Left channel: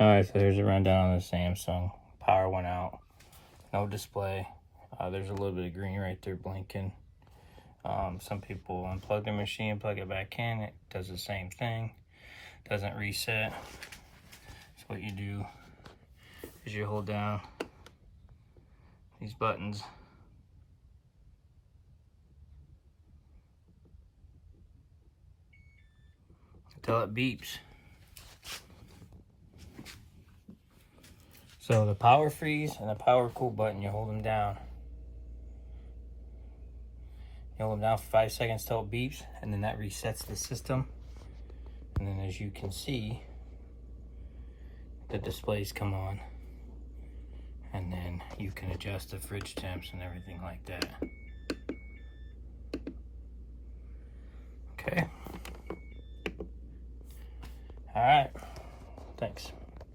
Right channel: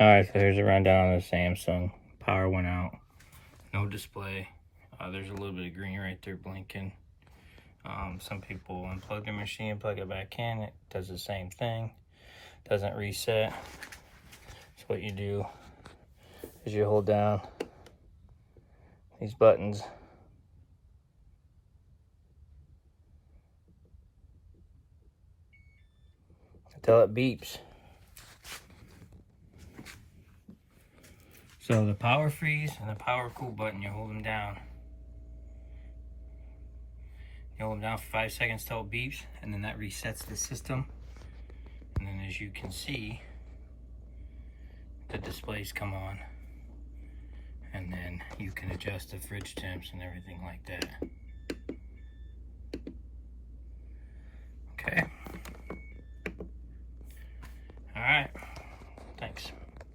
Alright, so here's a rundown on the Samsung. Power went out. No display. There's a little bit of green right there blinking. Some people unplug their machine, plug it back in. It does the same thing. Doesn't reset. So what you do is you hold down these buttons. Until it beeps. So the power freeze and the power cool button, you hold them down. You hold them down for 5 seconds till it beeps, and then that resets the system. And then as you can see, the displays come on. And then you can adjust the fridge temps and everything like that. Okay. All right. Thanks.